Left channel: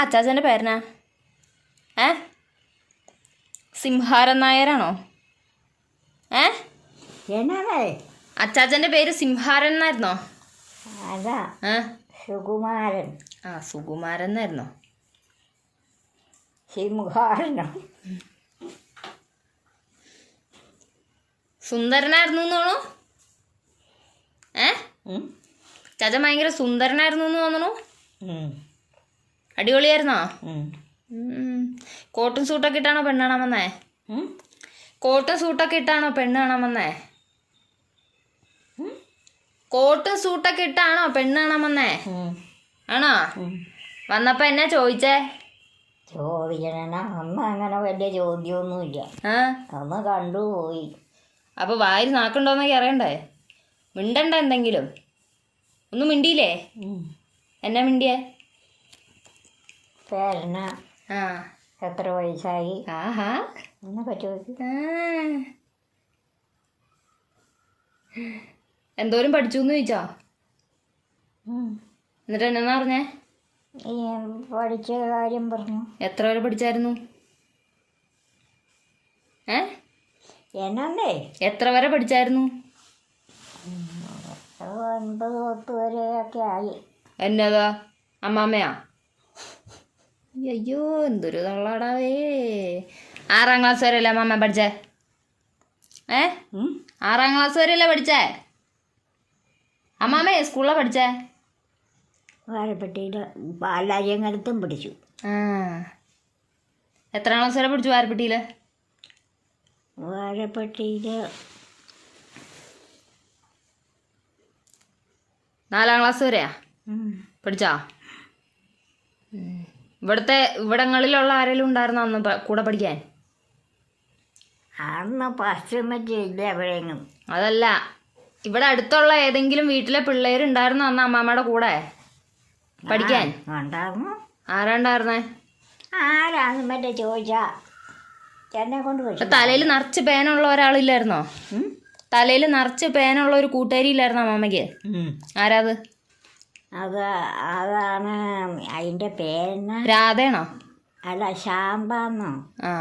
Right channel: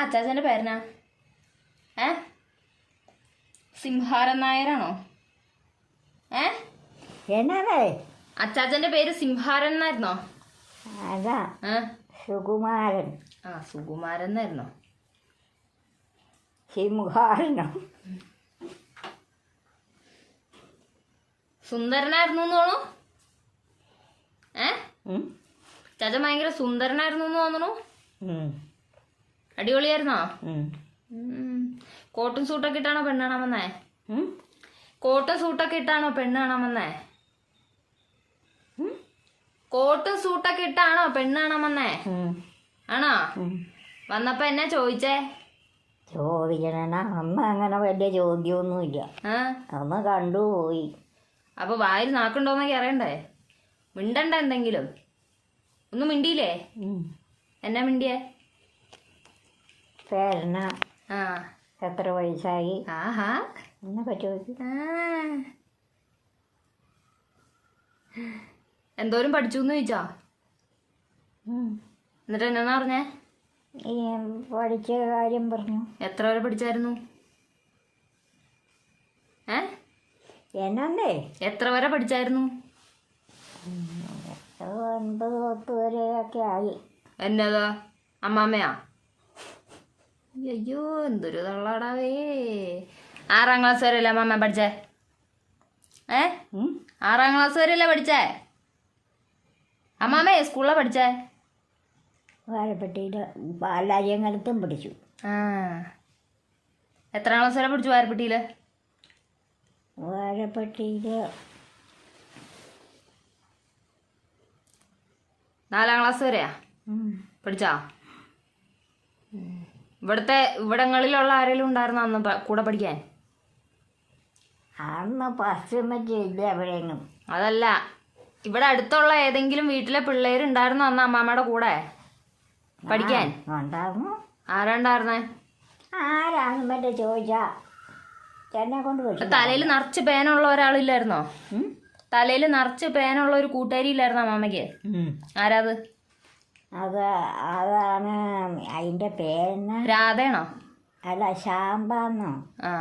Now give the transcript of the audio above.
അച്ചാച്ചന്റെ പേരനാ ഏ? സിംഹാരൻ നായരാണോ? ഏ? അച്ചാച്ചന്റെ പേര് സിംഹാരൻ എന്നായിരുന്നോ? അതാ. ഏ? സുകുമാരൻ. ആ സുകുമാരൻ എന്നായിരുന്നോ? സിംഹാരനോ? സുന്ദരനായിരുന്നു എന്ന് തോണു ഏ? ചാച്ച ഭയങ്കര സുന്ദരനായിരുന്നു എന്ന് തോന്നണു. അടിപൊളിയായിരുന്നോ. കോട്ടും സൂട്ടൊക്കെ ഇട്ടാണോ പെണ്ണാണോ കാണാൻ വന്നേ? കോട്ടും സൂട്ടൊക്കെ ഇട്ടാണോ പെണ്ണാണോ കാണാൻ വന്നേ കോട്ടും സൂട്ടൊക്കെ ഇട്ടാണോ പെണ്ണാണോ കാണാൻ വന്നേ ആണോ. വന്നപ്പോ എന്നാ ചോദിച്ചേ? ചോദിക്കണ അന്ന് അങ്ങനെ വലിയ ചോദ്യമൊന്നുമില്ല. അന്ന് കണ്ടുപോയി. അപ്പൊ വായിൽ നാക്കുണ്ടോന്നൊക്കെ അറിയണ്ടേ? മിണ്ടണ്ട എന്തെങ്കിലും. ഒന്നും മിണ്ടിയില്ലേ? എന്നാ മിണ്ടിയേ? പേരന ആ. എത്ര വയസ്സായി ആഹാ. എന്നെ. എന്തോരം പഠിച്ചു എന്ന് ചോദിച്ചോ എന്നിട്ട് എന്നാ പറഞ്ഞേ? ഈ പഠിച്ച കാര്യം പറഞ്ഞു. എത്ര വരെ പഠിച്ചായിരുന്നു? ഏ? എന്നേ എത്ര വരെ പഠിച്ചായിരുന്നു? ഒൻപത് പത്ത് വരെയൊക്കെ ആയി. എന്നതാ? അമ്മാമ്മയാ? അയ്യോ എന്തൊരു തള്ളാടാവേ ആറാം ക്ലാസ് വരെയല്ലേ മാമ പഠിച്ചേ? ഏ? ആറാം ക്ലാസ് വരെയല്ലേ പഠിച്ചേ? അമ്മാമേ സ്കൂളിലാണ് പഠിച്ചേ? വാഴപ്പെട്ടിയിൽ ബാലാര്യങ്ങലത്തും പഠിച്ചു. ആ. എത്രാം ക്ലാസ് വരെ പഠിച്ചു വാരപ്പെട്ടിയിൽ വാരപ്പെട്ടിയിൽ നാലാം ക്ലാസ് വരെയാ? പഠിച്ചാ. ഇവിടുത്തെ ഇവിടങ്ങളിലുള്ള ആരെങ്കിലും ഉണ്ടായിരുന്നോ അന്ന് കൂടെ പഠിക്കാൻ? അന്ന് എവിടെയെങ്കിലും. അതല്ല. ഇവിടെ അടുത്തുള്ള ഏതെങ്കിലും വീട്ടിലെ പിള്ളേരുണ്ടായിരുന്നോ അന്ന് അമ്മാമ്മയുടെ കൂടെ? പഠിക്കാൻ? ആരാണ്ടായിരുന്നേ? ആരാന്ന് മറ്റേ ചോദിച്ചാ. എന്നെ കൊണ്ട് വെച്ചു തലയിൽ നിറച്ച് പേനുള്ള ഒരാളില്ലായിരുന്നോ? തലയിൽ നിറച്ച് പേനുള്ള ഒരു കൂട്ടുകാരി ഇല്ലായിരുന്നോ അമ്മാമ്മയ്ക്ക്? ആരാത്? അത് അതാണ് അതിന്റെ പേരെന്നാ? രാധേണോ? അല്ല ശാമ്പാന്നോ? ആ.